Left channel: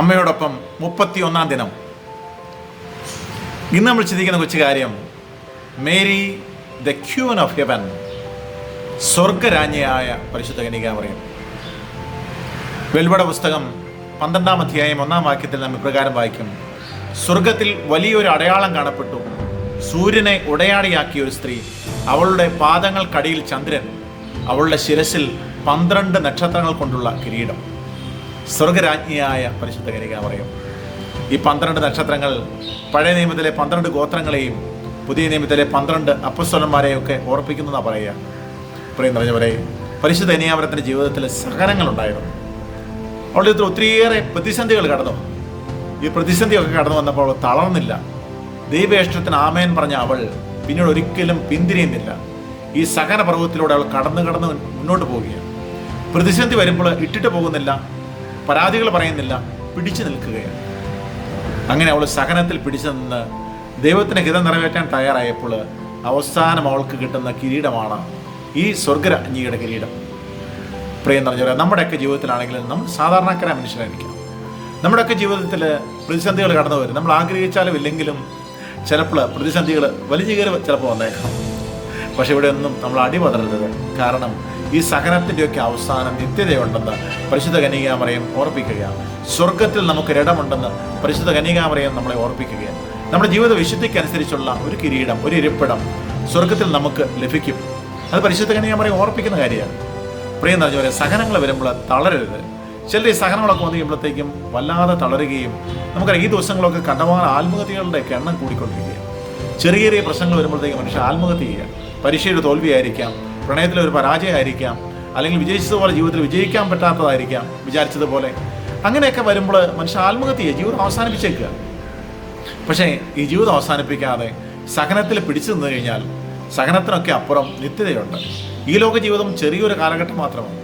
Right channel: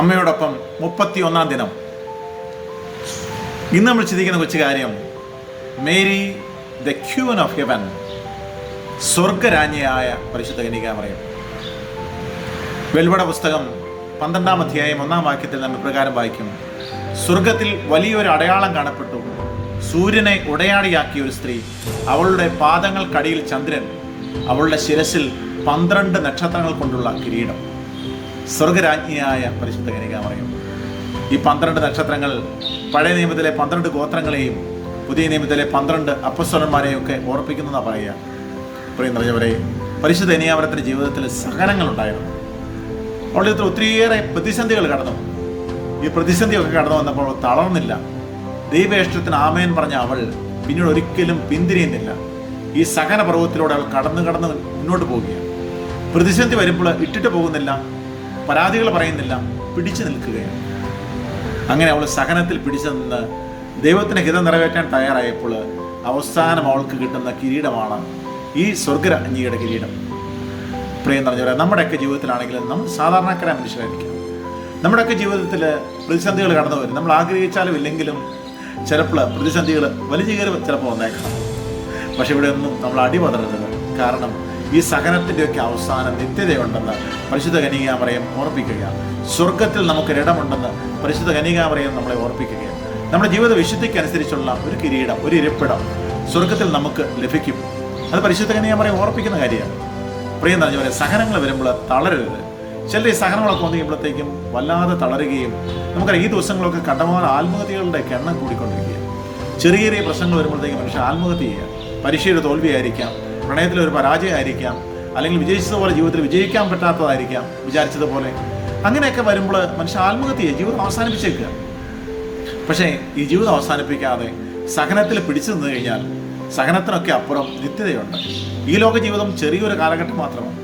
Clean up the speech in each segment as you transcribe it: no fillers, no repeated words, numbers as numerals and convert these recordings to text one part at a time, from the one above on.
അമ്മയോടൊപ്പം 31-ാം ദിനം. ഇന്ന് നമ്മൾ ചിന്തിക്കുന്ന കൊച്ചു കാര്യം, Mary the queen of heaven, സ്വർഗരാജ്ഞിയായ പരിശുദ്ധ കന്യകാമറിയം. വെളിപാട് പുസ്തകം 12-ാം അധ്യായം 1-ാം വാക്യത്തിൽ നമ്മൾ പ്രകാരം വായിക്കും: സ്വർഗത്തിൽ വലിയൊരു അടയാളം കാണപ്പെട്ടു, സൂര്യനെ ഉടയാടിയാക്കിയ ഒരു സ്ത്രീ, അവളുടെ പാദങ്ങൾക്കടിയിൽ ചന്ദ്രൻ, അവളുടെ ശിരസിൽ 12 നക്ഷത്രങ്ങൾ കൊണ്ടുള്ള കിരീടം. സ്വർഗരാജ്ഞിയായ പരിശുദ്ധ കന്യകാമറിയം. ഈ 12 നക്ഷത്രങ്ങൾ പഴയ നിയമത്തിലെ 12 ഗോത്രങ്ങളെയും പുതിയ നിയമത്തിലെ 12 അപ്പസ്തലന്മാരെയും ഒക്കെ ഓർപ്പിക്കുന്നതാണ് പറയുക. പ്രിയം നിറഞ്ഞവരെ, പരിശുദ്ധ കന്യകാമറിയത്തിൻ്റെ ജീവിതത്തിൽ സഹനങ്ങളുണ്ടായിരുന്നു. അവളുടെ ജീവിതത്തിൽ ഒത്തിരിയേറെ പ്രതിസന്ധികൾ കടന്നു. ഈ പ്രതിസന്ധിയൊക്കെ കടന്നു വന്നപ്പോൾ തളർന്നില്ല. ദൈവേഷ്ടത്തിന് ആമേൻ പറഞ്ഞ അവൾ പിന്നീട് ഒരിക്കലും പിന്തിരിയുന്നില്ല. ഈ സഹന പർവ്വത്തിലൂടെ അവൾ കടന്ന് മുന്നോട്ട് പോവുകയാണ്. പ്രതിസന്ധി വരുമ്പോൾ ഇട്ടിട്ട് പോകുന്നില്ല, പരാതികൾ പറയുന്നില്ല, പിടിച്ചു നിൽക്കുകയാണ്. അങ്ങനെ അവൾ സഹനത്തിൽ പിടിച്ചു നിന്ന് ദൈവത്തിന് ഹിതം നിറവേറ്റാൻ തയ്യാറായപ്പോൾ അവസാനം അവൾക്ക് കിട്ടുന്ന കിരീടമാണ് ഈ സ്വർഗരാജ്ഞിയുടെ കിരീടം. പ്രിയം നിറഞ്ഞവരെ, നമ്മുടെയൊക്കെ ജീവിതത്തിലാണെങ്കിലും നമ്മൾ സാധാരണക്കാരായ മനുഷ്യരായിരിക്കാം. നമ്മുടെയൊക്കെ ജീവിതത്തിൽ പ്രതിസന്ധികൾ കടന്നു വരും. നമ്മൾ ആഗ്രഹിച്ചാലും ഇല്ലെങ്കിലും ചിലപ്പോൾ പ്രതിസന്ധികൾ വലിയ ചിലപ്പോൾ വന്നേക്കാം. പക്ഷെ ഇവിടെ ഒന്നും നമ്മൾ അടിപതറരുത്. കാരണം ഈ സഹനത്തിൻ്റെയൊക്കെ അവസാനം നിത്യതയുണ്ടെന്ന് പരിശുദ്ധ കന്യകാമറിയം ഓർപ്പിക്കുകയാണ്. സ്വർഗത്തിൽ നമുക്കൊരിടമുണ്ടെന്ന് പരിശുദ്ധ കന്യകാമറിയം നമ്മളെ ഓർപ്പിക്കുകയാണ്. നമ്മുടെ ജീവിത വിശുദ്ധിക്കനുസരിച്ചുള്ള ഒരു കിരീടം, ഒരു ഇരിപ്പിടം സ്വർഗത്തിൽ നമുക്ക് ലഭിക്കും. അത് പരിശുദ്ധ കന്യകാമറിയം ഓർപ്പിക്കുന്ന കാര്യമാണ്. പ്രിയം നിറഞ്ഞവരെ, സഹനങ്ങൾ വരുമ്പോൾ തളരരുത്. ചില ഈ സഹനങ്ങളൊക്കെ വന്നു കഴിയുമ്പോഴത്തേക്കും വല്ലാതെ തളരുകയും നമുക്കറിയാം, ഈ ദിവസങ്ങളൊക്കെ കണ്ടമാന ആത്മഹത്യകളുടെ എണ്ണം കൂടിക്കൊണ്ടിരിക്കുക. ചെറിയ ചെറിയ പ്രശ്നങ്ങൾ വരുമ്പോഴത്തേക്കും മനുഷ്യർ ആത്മഹത്യ ചെയ്യുക. പരീക്ഷയുടെ തോൽവിയായിരിക്കാം, പ്രണയത്തിലൊരു പരാജയമായിരിക്കാം, അല്ലെങ്കിൽ വിജയിച്ചതുപോലെ ജീവിതത്തിൽ വിജയിക്കാൻ പറ്റാത്തതായിരിക്കാം, വിചാരിച്ചതുപോലെ. അങ്ങനെയൊക്കെ വരുമ്പോൾ മനുഷ്യർ ആത്മഹത്യ ചെയ്യുക, ജീവിതം അവസാനിപ്പിച്ചേക്കുക. പക്ഷേ ഈ ജീവിതം അവസാനിപ്പിക്കാതെ സഹനത്തിൽ പിടിച്ചു നിന്ന് കഴിഞ്ഞാൽ സഹനത്തിനൊക്കെ അപ്പുറം നിത്യതയുണ്ട്. ഈ ലോക ജീവിതം ചെറിയൊരു കാലഘട്ടം മാത്രമാണ്.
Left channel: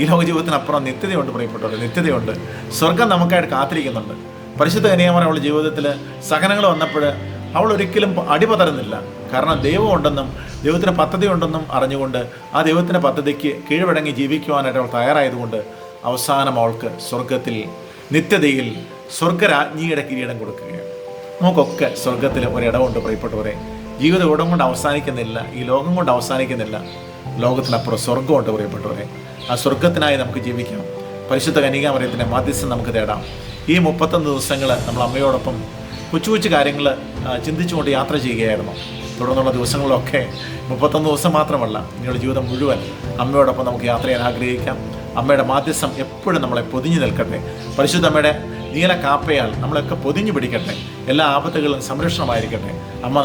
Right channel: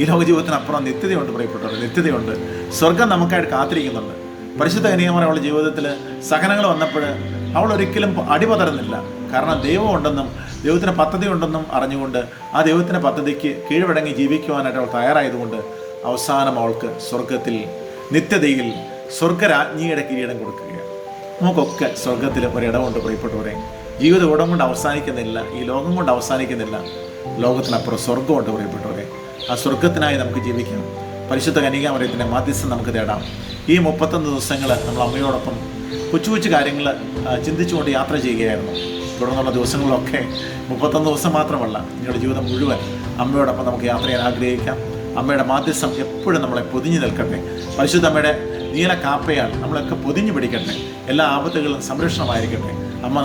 ഈ ലോക ജീവിതത്തിനപ്പുറം നിത്യതയുണ്ട്. പ്രിയപ്പെട്ടവർ, നിത്യതയുണ്ട്. സ്വർഗം നമുക്കായിട്ട് കാത്തിരിക്കുന്നുണ്ട്. പരിശുദ്ധ കന്യകാമറിയം അവളുടെ ജീവിതത്തിൽ സഹനങ്ങൾ വന്നപ്പോൾ അവൾ ഒരിക്കലും അടിപതറുന്നില്ല. കാരണം ദൈവമുണ്ടെന്നും ദൈവത്തിന് പദ്ധതി ഉണ്ടെന്നും അറിഞ്ഞുകൊണ്ട് ആ ദൈവത്തിൻ്റെ പദ്ധതിക്ക് കീഴ്വഴങ്ങി ജീവിക്കുവാനായിട്ട് അവൾ തയ്യാറായതുകൊണ്ട് അവസാനം അവൾക്ക് സ്വർഗത്തിൽ നിത്യതയിൽ സ്വർഗരാജ്ഞിയുടെ കിരീടം കൊടുക്കുകയാണ്. നമുക്കൊക്കെ സ്വർഗത്തിൽ ഒരിടമുണ്ട്. പ്രിയപ്പെട്ടവരെ, ജീവിതം ഇടം കൊണ്ട് അവസാനിക്കുന്നില്ല, ഈ ലോകം കൊണ്ട് അവസാനിക്കുന്നില്ല. ലോകത്തിനപ്പുറം സ്വർഗമുണ്ട്. പ്രിയപ്പെട്ടവരെ, ആ സ്വർഗത്തിനായി നമുക്ക് ജീവിക്കാം. പരിശുദ്ധ കന്യകാമറിയത്തിൻ്റെ മാധ്യസ്ഥം നമുക്ക് തേടാം. ഈ 31 ദിവസങ്ങൾ നമ്മൾ അമ്മയോടൊപ്പം കൊച്ചു കൊച്ചു കാര്യങ്ങൾ ചിന്തിച്ചുകൊണ്ട് യാത്ര ചെയ്യുകയായിരുന്നു. തുടർന്നുള്ള ദിവസങ്ങളിലൊക്കെ 31 ദിവസം മാത്രമല്ല, നിങ്ങളുടെ ജീവിതം മുഴുവൻ അമ്മയോടൊപ്പം നമുക്ക് യാത്ര ചെയ്യാൻ ആഗ്രഹിക്കാം. അമ്മയുടെ മാധ്യസ്ഥം എപ്പോഴും നമ്മളെ പൊതിഞ്ഞു നിൽക്കട്ടെ. പരിശുദ്ധ അമ്മയുടെ നീല കാപ്പയാൽ നമ്മളൊക്കെ പൊതിഞ്ഞു പിടിക്കട്ടെ. എല്ലാ ആപത്തുകളും സംരക്ഷണമായിരിക്കട്ടെ. അമ്മ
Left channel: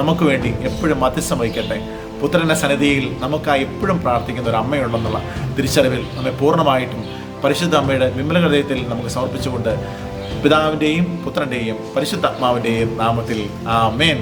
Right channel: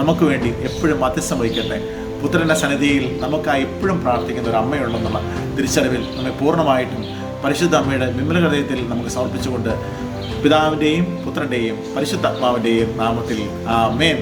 നമുക്ക് വേണ്ടി എപ്പോഴും മാധ്യസ്ഥം വഹിക്കട്ടെ. പുത്രൻ്റെ സന്നിധിയിൽ നമുക്കായി എപ്പോഴും പ്രാർത്ഥിക്കുന്ന ഒരു അമ്മയുണ്ടെന്നുള്ള തിരിച്ചറിവിൽ നമ്മെ പൂർണ്ണമായിട്ടും പരിശുദ്ധ അമ്മയുടെ വിമല ഹൃദയത്തിൽ നമുക്ക് സമർപ്പിച്ചുകൊണ്ട് പിതാവിൻ്റെയും പുത്രൻ്റെയും പരിശുദ്ധാത്മാവിൻ്റെയും നാമത്തിൽ ആമേൻ.